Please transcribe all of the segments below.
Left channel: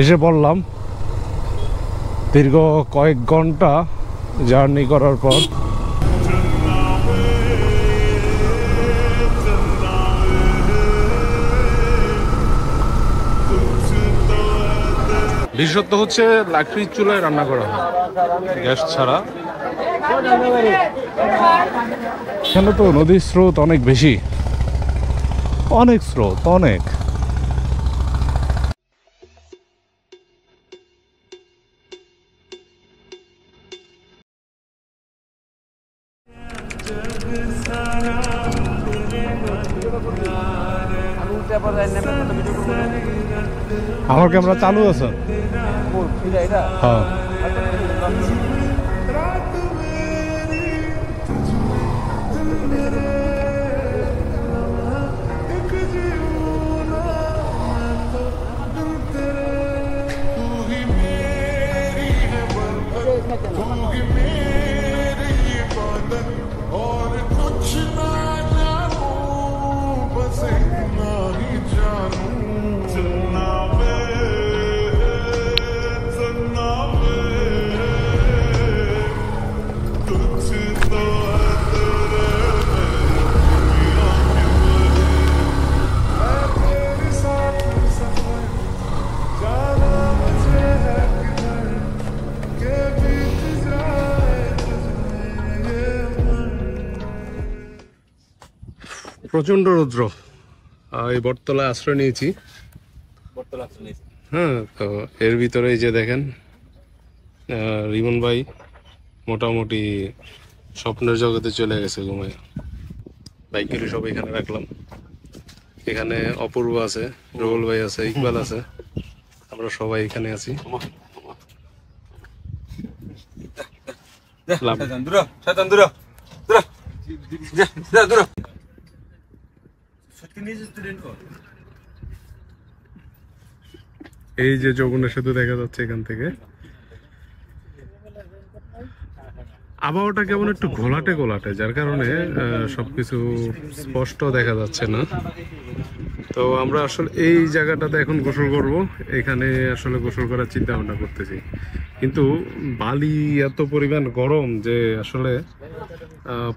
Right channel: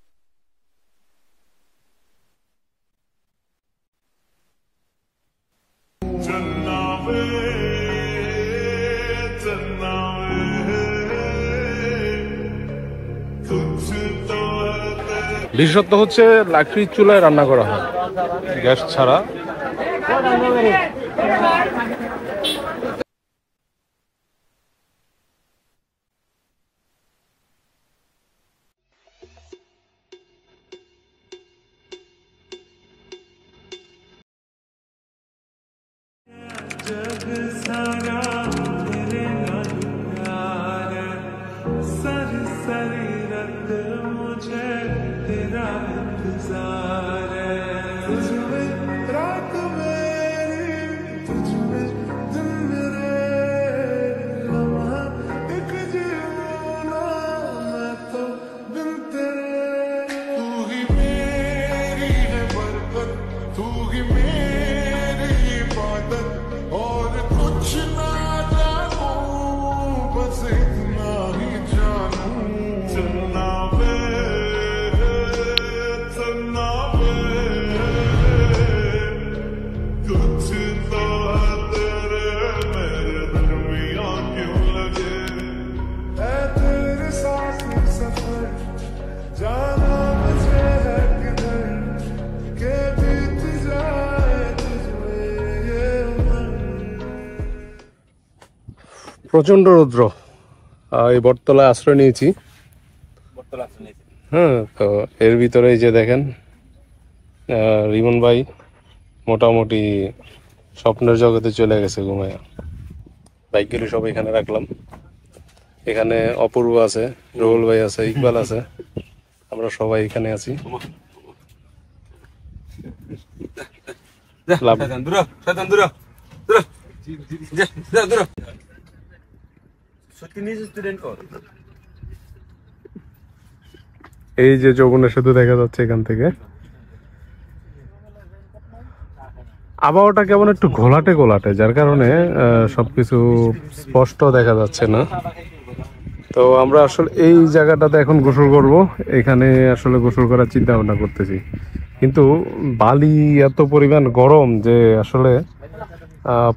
এসে পড়লাম দীর্ঘ কয়েক ঘন্টা জার্নি করার পর। বিশেষত্ব হচ্ছে লাকড়ির চুলায় রান্না করা হয়, গ্যাস ছাড়া। এখানে তো নদীর স্রোত অনেক বেশি, অনেক স্রোত, অনেক। আমার ক্যামেরা চালু আছে। প্রচন্ড রৌদ্র। এই বটতলায় আশ্রয় নিয়েছি। হ্যাঁ, তো এর ভিতরে এই যে দেখেন রিমন ভাই মোটামুটি স্বপ্নের জগতে চলে গেছে ঘুমায়। বাইকগুলি সব এখানে রাখলাম। এখানে অপূর্ব আছে, রুহুল ভাই আছে, ইকবাল আছে, আমরা সবাই এখানে আছি। এই যে যমুনা সেতু দেখা যাচ্ছে এখান থেকে। আবহাওয়াটা কেমন একটু ঘোলাটে ঘোলাটে, যার কারণে সবকিছু স্পষ্ট দেখা যাচ্ছে না। তো আমরা আসলে এই জায়গাটাতে এখন গোসল করব। এখানে আসলে গোসল করার চিন্তা ভাবনা করতেছি, কিন্তু বালি এত পরিমাণ গরম যে আসলে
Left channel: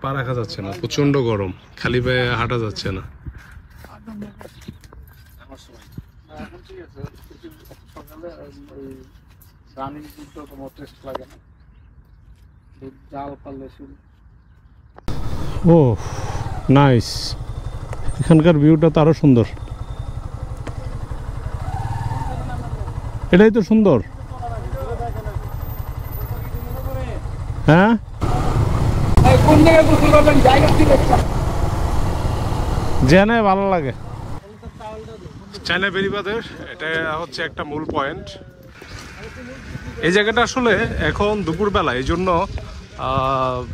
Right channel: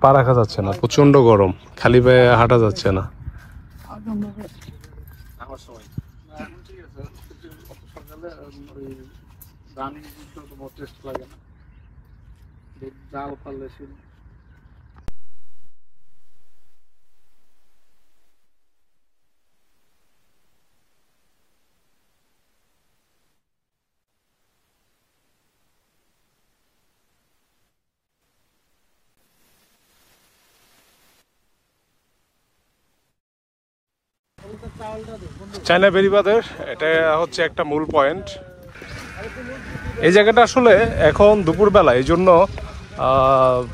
পা রাখা যাচ্ছে না। প্রচন্ড গরম, খালি পায়ে হাঁটা যাচ্ছে না। ও নাইস, এখানকার ভিউটা তো আরো সুন্দর। এটাই তো সুন্দর। হ্যাঁ, জেনে ভালো লাগে। চায়না বেড়িবাঁধের এটা হচ্ছে একটা মূল পয়েন্ট। এই জায়গাটা আসলে এখন দুপুরবেলা, এই জন্য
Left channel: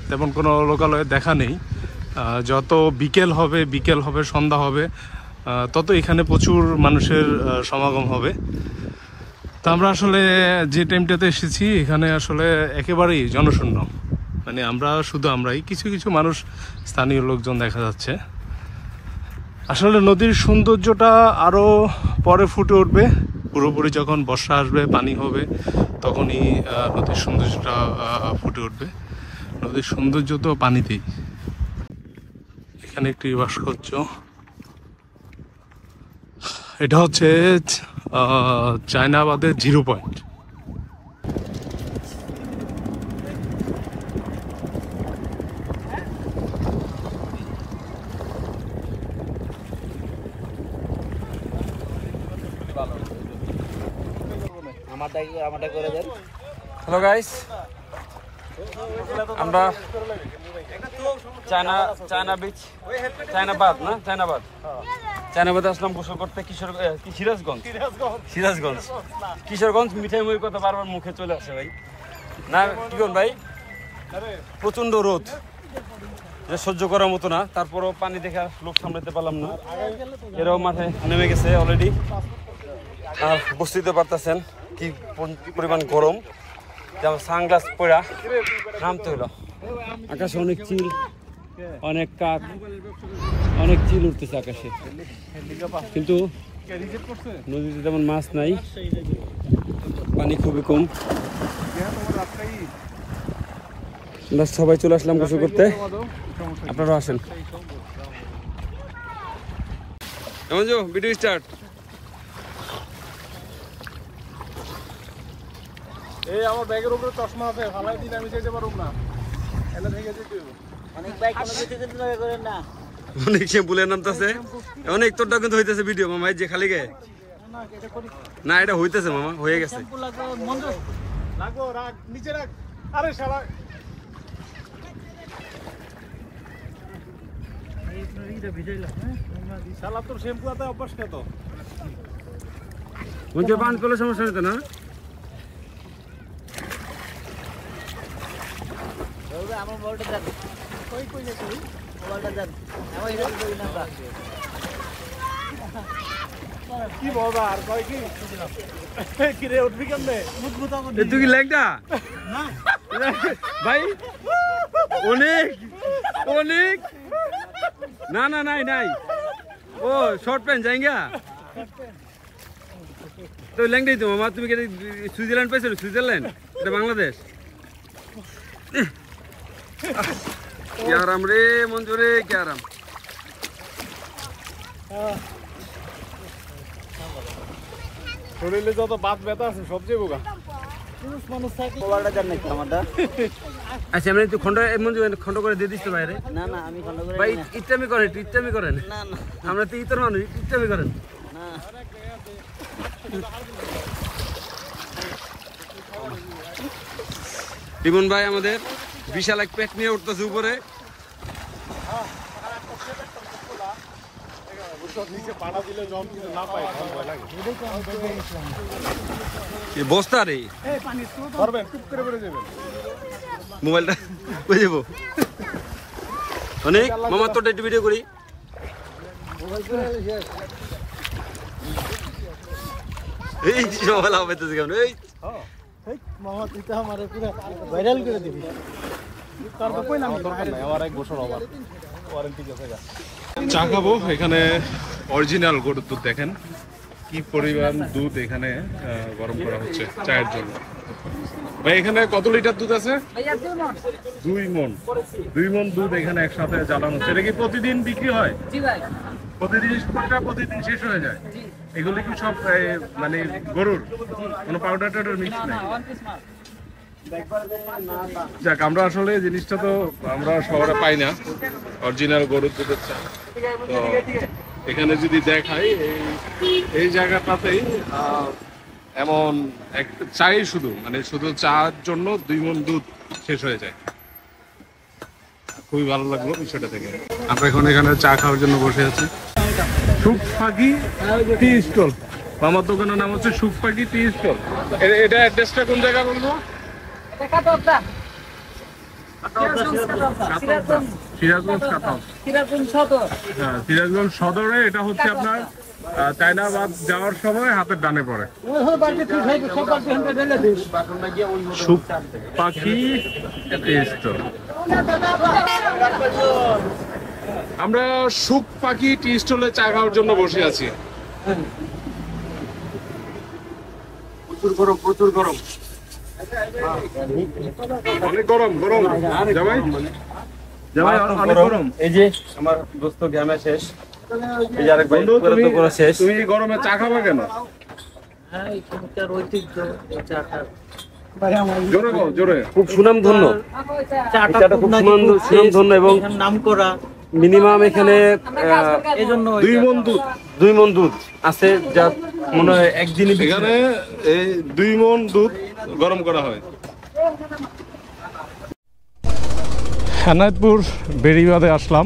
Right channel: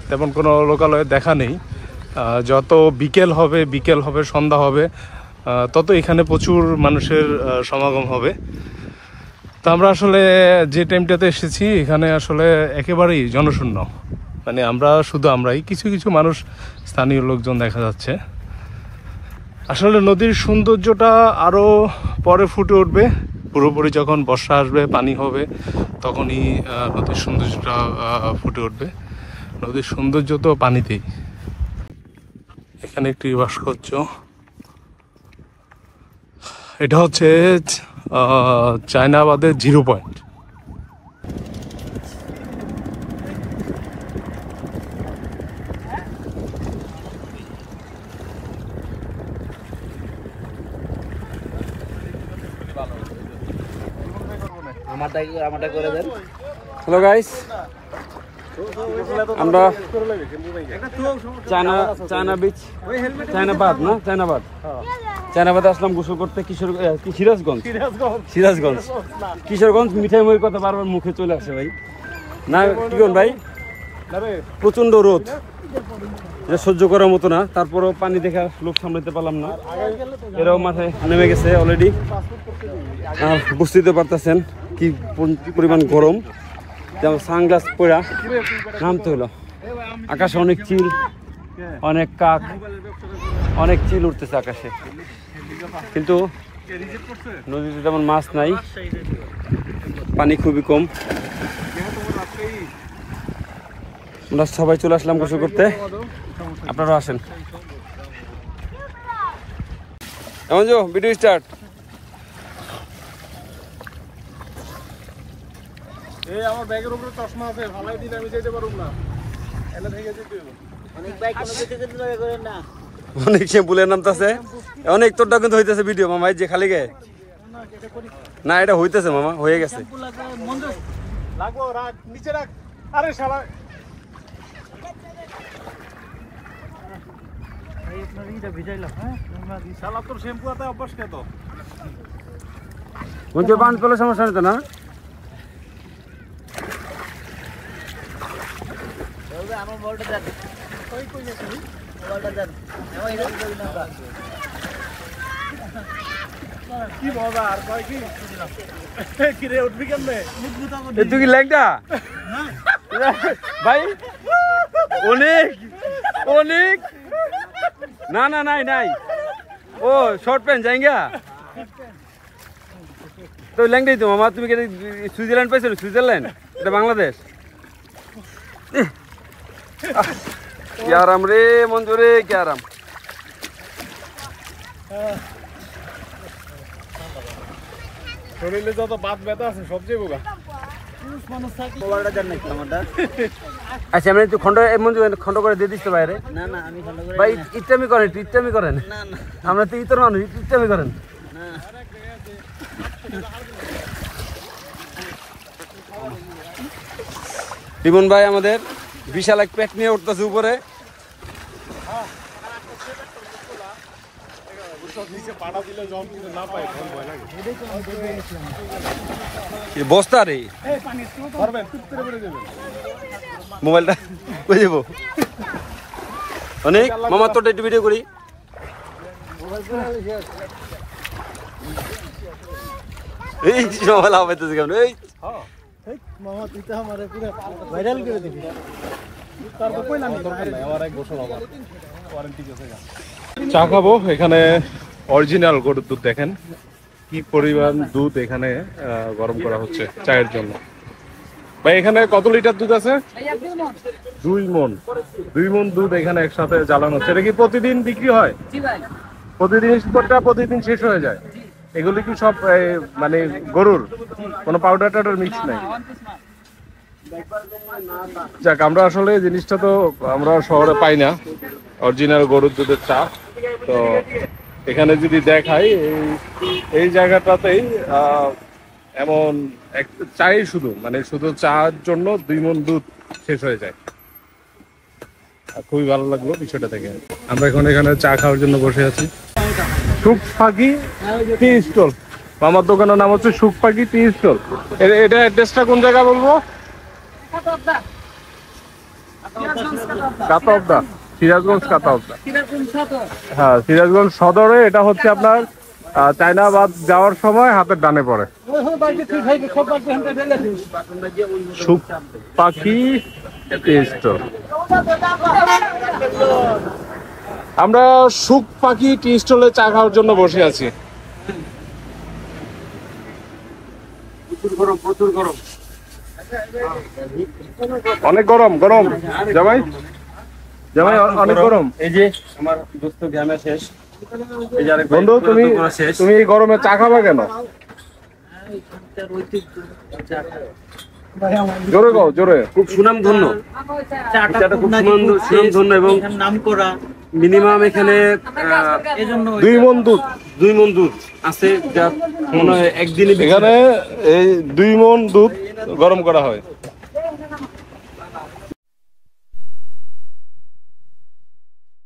তেমন কোনো লোকালয়ে দেখা নেই। যত বিকেল হবে সন্ধ্যা হবে, তত এখানে প্রচুর মানুষের সমাগম হবে। তো আমরা আসলে যে টাইমটাতে এসেছি এখানে আসলে একেবারেই জনশূন্য। মানে আমরাই কিছু কিছু মানুষ, স্থানীয় লোকজন দেখা যাচ্ছে। আসলে নদীর সৌন্দর্যটা আরো পরে ফুটে উঠবে, পুরোপুরি যখন বর্ষা আসবে, পানি হবে, তখনই নদীর সৌন্দর্যটা ফুটে উঠবে। নদীর সৌন্দর্য তো পানিতেই। এখানে একটি ভাস্কর্য, এটা হচ্ছে চায়নাবাদের 0 পয়েন্ট। হ্যালো গাইস, আমরা চায়নাবাদে আসলাম গোসল করতে। কিশোরগঞ্জ মিঠাই ময়ের কথা বারবার মুখে চলে আসে ভাই। না কি ভাই, প্রচন্ড রোদ, এটা সহ্য করার মতো না। তারপরও পানি দেখা লোক সামলাতে পারলাম না, এরাও মাথায় নেমে গেছে অলরেডি। বুঝতে পারতেছেন কি পরিমাণ গরম। যেমন সানগ্লাস পরা নামতে হলো। আকাশে অনেক চিল, অনেক কাক, অনেক চিল উঠতেছে আকাশে, কিন্তু নদীতে তেমন মাছ নাই, পানি খুবই কম। আমরা সবাই চলে আসলাম গোসল করতে, আপনারা আসেন। এমন যো ভিডিও স্টার্ট। এই আমার ব্যাগের উপরে চশমা আছে, ফালাই দিলে আমি যেতে পারব না, এলা ভেঙে যেতে হবে। অনেক বাইক কোন দিকে যেতে করে না, অনেক সে বলে নামতাছে, অনেক তোরটা কিন্তু হইতেছে ভিডিও মামা, এই যে খালি গে না, এটা হইতেছে মামা, হয়ে গেছে। লাগবো, রাখ নিচে রাখ। আরে শালা এই আপনার এইটা ভিজাইলাম, হ্যাঁ শালা তোর শ্যাম্পু আতে অভ্যাস কে তো বন্ধু পানি পেলে সমস্যা নেই তো না? আমার মোবাইলটা দেন, কই কই যাচ্ছে মোবাইলটা দেন, আমার এটা দিই না কি বাবা আর কই কি কি রে উঠবি কেমনে? তুই কি ল্যাংটা ভাই? অনেক অনেক না না নাই নাই, ও শর্ট প্যান্ট যাইঙ্গা তো ল্যাংটাই তো মামা। তুমি কি সুইজারল্যান্ড পাইছো? সুইজারল্যান্ড এটা বাংলাদেশ। কি আরাম রে মঞ্জু রে, কি আরাম। শরীরে যত বাত ব্যথা আছে সব যাবো গা। মোবাইলটা দেন নাকি আমারটা? আচ্ছা আমি একটু খন্ড মঞ্জু খন্ড করে দিয়ে দিস তো বাইরে। না না আমি ফলো করে ভাই ইচ্ছামি করেন, ইচ্ছামি করেন। না না আমরা তো ইতর মানুষ, ইচ্ছামি করেন। না রিমন ভাই আমাদের বিশাল এক পেট নিয়ে উঠতেছে উপরে। বস্তা রে মোবাইলটা কই যাবো অনেক মামার তোর একটু ভিডিও করি। এই মোবাইল আপাইতেছে কেমন? এই মামা তুই তো আমারে পুরো ভাইরাল করে দিবি, তার তো কই নাম দরকার নাই, আমার এক বছর আবার ওয়ারেন্টি আছে। চা খাবো। এখানে অরিজিনাল গরুর দুধ, দেখেন কি পরিমাণ দুধ এখানে গরম করা হচ্ছে চায়ের জন্য। ভাই এখানে কত লিটার দুধ আছে? 2 মণ। 2 মণ দুধ এখানে একসাথে জ্বালানো হচ্ছে। এটা কি প্রতিদিন বিক্রি হয়? প্রতিদিন প্রতিদিন শেষ হয়ে যায়? এগুলি কি সব মানে গরুর, কোনো পাউডার টাউডার মিক্স নেই? যাক, আমরা আসলে এই জিনিসটা তো আমরা শহরে পাই না, অরিজিনাল গরুর দুধের চা। তো এখানে যদি দেখাই এই জায়গাটাতেই এমন এক চাই শুধু, মানে শুধু চার জন্য 2 মণ দুধ শেষ হয়ে যায়। খুবই ভালো লাগলো বিষয়টা থেকে। আমরা এখন এখানে চা খাওয়ার জন্য বসে আছি। সুখ পাখি টি স্টল, আমার দোকানের নাম হচ্ছে সুখ পাখি টি স্টল। এটা অ্যাড্রেসটা কোন জায়গা বলবো? কাতাওদা, সিরাজগঞ্জ কাতাওদা। হ্যাঁ, সিরাজগঞ্জ সদরে। এটা হচ্ছে আপনার চায়নাবাদ যাওয়ার সময় হাতের ডানে পড়ে। সুখ পাখি টি স্টল। আমরা সুখ পাখি টি স্টলে চা খাওয়ার জন্য বসে আছি। প্রচুর গরম, প্রচুর গরম, অনেক গরম। গরম জামাই, জামাই অনেক গরম। এই যে আমার দোস্ত গ্রামে শেষ, এই যে আরেক বন্ধু তুমি এই গরমে চা খাবা কেন? জোরে গাও, জোরে। খুব সুনাম ধন্য চাটা, খুব সুনাম ধন্য এবং নাম করা। মিনিমাম এখানে এজন্য 2 মণ দুধ, 2 মণ দুধ আছে, যা মনে হয় একদিনই এখানে এই 2 মণ দুধ গরম করা হয়। এনায়েতপুর বেড়িবাঁধে আসলাম।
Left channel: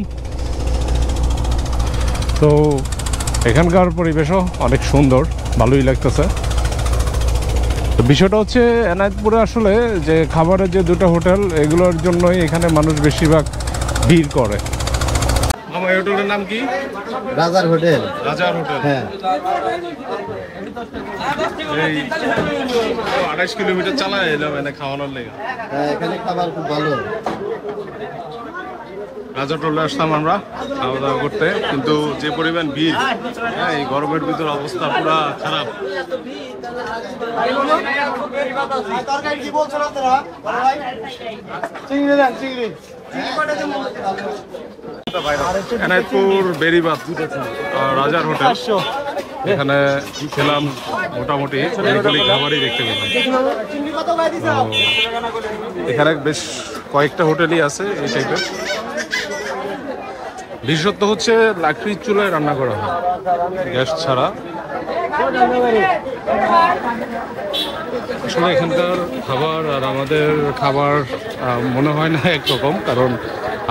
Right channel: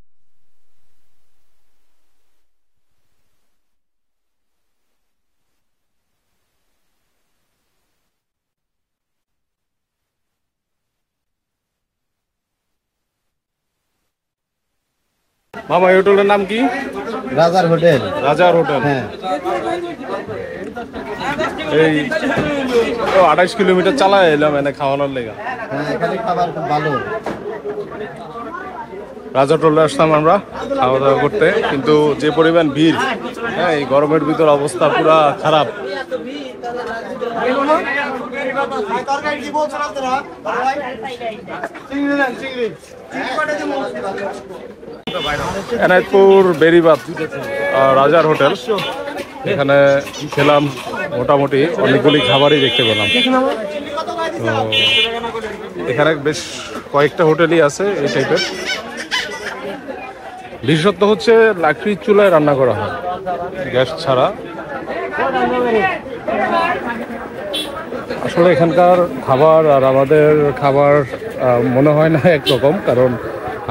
তো এখানকার পরিবেশও অনেক সুন্দর, ভালোই লাগতেছে। তো বিষয়টা হচ্ছে এনায়েতপুরে আসলে যে খাবারের যে 2টা হোটেল, এগুলোর জন্যই এখানে মানুষ বেশিরভাগ ভিড় করে। মামা এই হোটেলের নাম কি? রাজার হোটেল। রাজার হোটেল। হ্যাঁ, এই 28 কিলোমিটার চালায় এলাম এনে খাওয়ানোর লেগা। হ্যাঁ এখানে খাবার খুব ভালো। রাজা হোটেলে আসলাম আমরা খাওয়া দাওয়া করতে, কিন্তু যে পরিমাণ ভিড় হ্যাঁ, এই গরমের ভিতর অবস্থা পুরা খারাপ। এনায়তপুর বেরিবাদ রাজার হোটেল, এখানে খেলাম, মোটামুটি অনেকগুলি খাবারই দেখতে পেলাম। তো এখানে বেশ কয়েকটা হোটেলই আছে এই টাইপের। বিশেষত্ব হচ্ছে লাকড়ির চুলায় রান্না করা হয়, গ্যাস ছাড়া। আসলে এখানকার খাবার আর আমাদের খাবার মনে হয় না একরকম, কারণ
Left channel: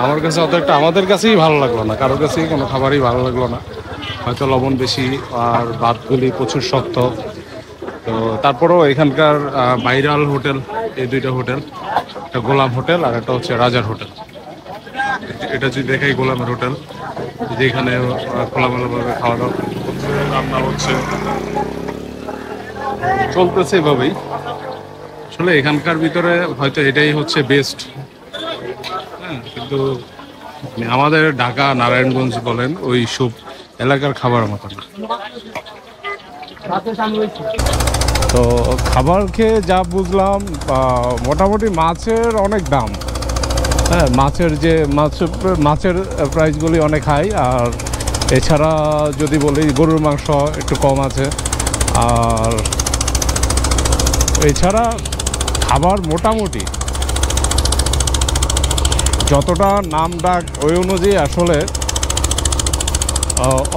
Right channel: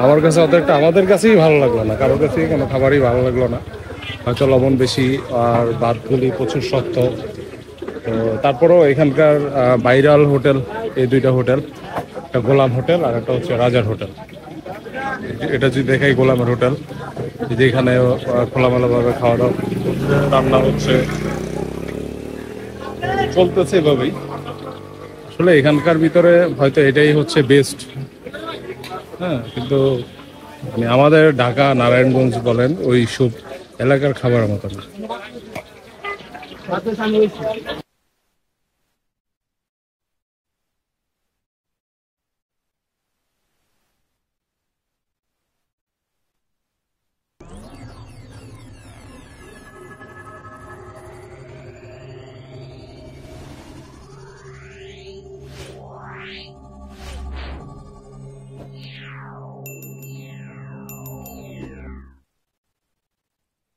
আমার কাছে অত একটা আমাদের কাছেই ভালো লাগলো না, কারোর কাছেই কোনো খাবারই ভালো লাগলো না। হয়তো লবণ বেশি আর ভাতগুলি প্রচুর শক্ত। তো তারপরেও এখানকার ভাইরাল হোটেল এই দুইটা হোটেল, একটা গোলাম হোটেল আর একটা হচ্ছে রাজার হোটেল। এটা যদি দেখাই গোলামের হোটেল, যেখানে খোলামেলাভাবে খাওয়া দাওয়া হচ্ছে, রান্না হচ্ছে, চলতেছে এভাবেই। আসলে এখানকার ভিতরে হয়তো এটাই হচ্ছে বেস্ট। হ্যাঁ, কিন্তু মানে আমাদের ঢাকা নারায়ণগঞ্জ বলেন ওই সব এলাকার খাবার মতো না। তো খাবার খেয়ে যা বুঝলাম, মোটামুটি মাছের অনেক দাম। হ্যাঁ, মাছের প্রাইসগুলি অনেক হাই। আর এছাড়া যদি বলি গরুর মাংস একটু কম আছে। আর এছাড়া খাবার মোটামুটি যতটা নাম ডাক ওই অনুযায়ী আসলে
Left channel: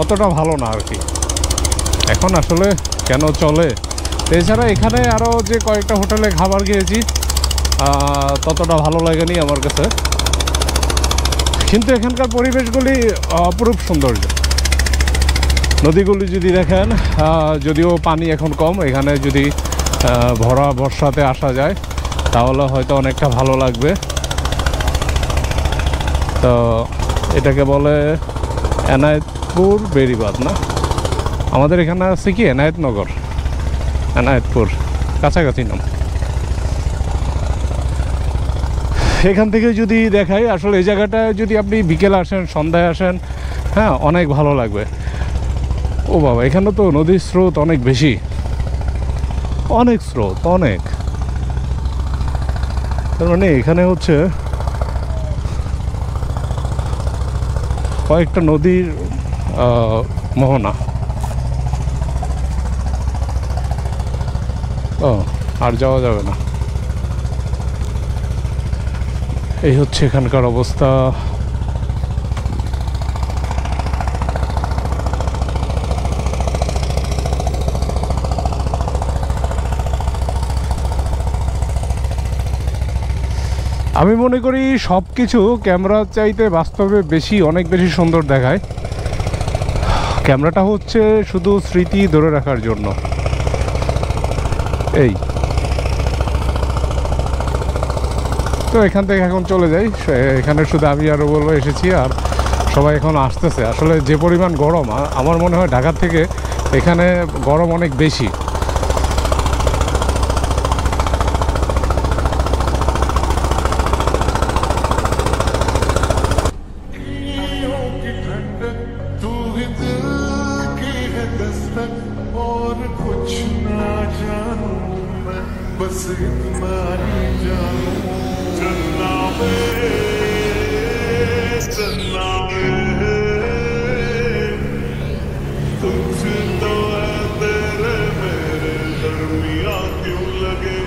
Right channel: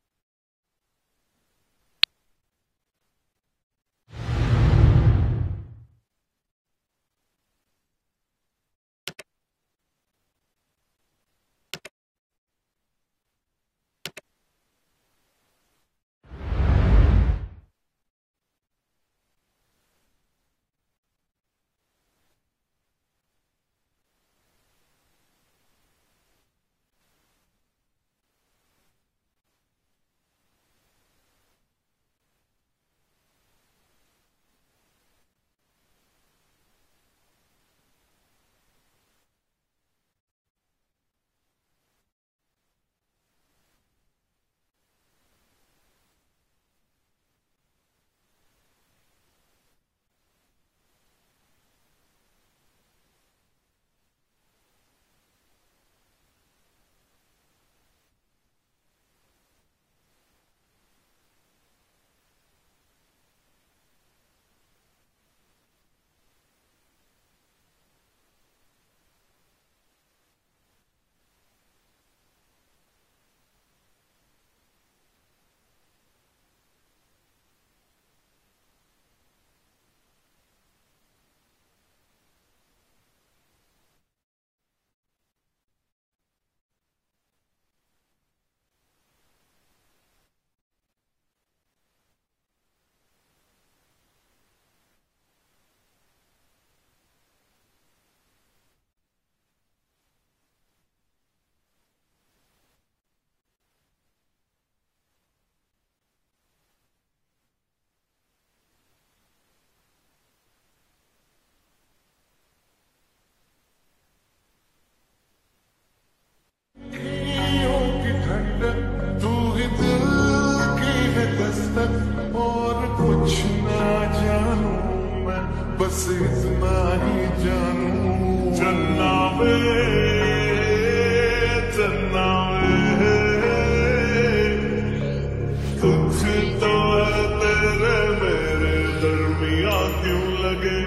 অতটা ভালো না আর কি। এখন আসলে কেন চলে। এছাড়া এখানে আরও যে কয়েকটা হোটেলে খাবার খেয়েছি, ততটা ভালো লাগেনি আমার কাছে। কিন্তু এখানকার পরিবেশগুলি অপরূপ সৌন্দর্য। নদীগুলি যদি দেখেন, যদিও পানি এখন কম, এখানে যদি ভরা বর্ষাতে আসা যায় তাহলে হয়তো অনেকটা ভালো লাগবে। তো এটাকে বলে এনায়েতপুর বেরিবাদ না, আমাদের এখানে আছে কি এনায়েতনগর, এনায়েতপুর কাছাকাছি নাম। এখান থেকে যদি দেখাই, আসলে এই জায়গাটায় যদি আপনি বিকেলে আসেন, সন্ধ্যায় আসেন, হ্যাঁ, অনেক ভালো লাগবে। ও বাবা, এখানে তো নদীর স্রোত অনেক বেশি, অনেক স্রোত, অনেক। তার মানে এখানে হচ্ছে কয়েকটা নদীর মোহনা। ও, আর যাওয়া যাবে না। এই হচ্ছে এখানকার অবস্থা। আমি মনে করি সব কিছু ক্যামেরার চাইতে বাস্তবে অনেক বেশি সুন্দর দেখায়। ক্যামেরাটা হচ্ছে শুধু স্মৃতি ধরে রাখার জন্য। এই তো এখান থেকে এখন চলে যাই। এখানে শুধু আমি আর বলবো এসেছি, আর সবাই এখন আসতেছে। আসলে যে পরিমাণ গরম, আমার মনে হয় ঢাকার থেকে এখানে গরম অনেক বেশি। और कुछ ना जानू मैं, बस इतना ही जानू, चन्ना वे कुछ तो है तेरे मेरे दरमिया क्यों लगे।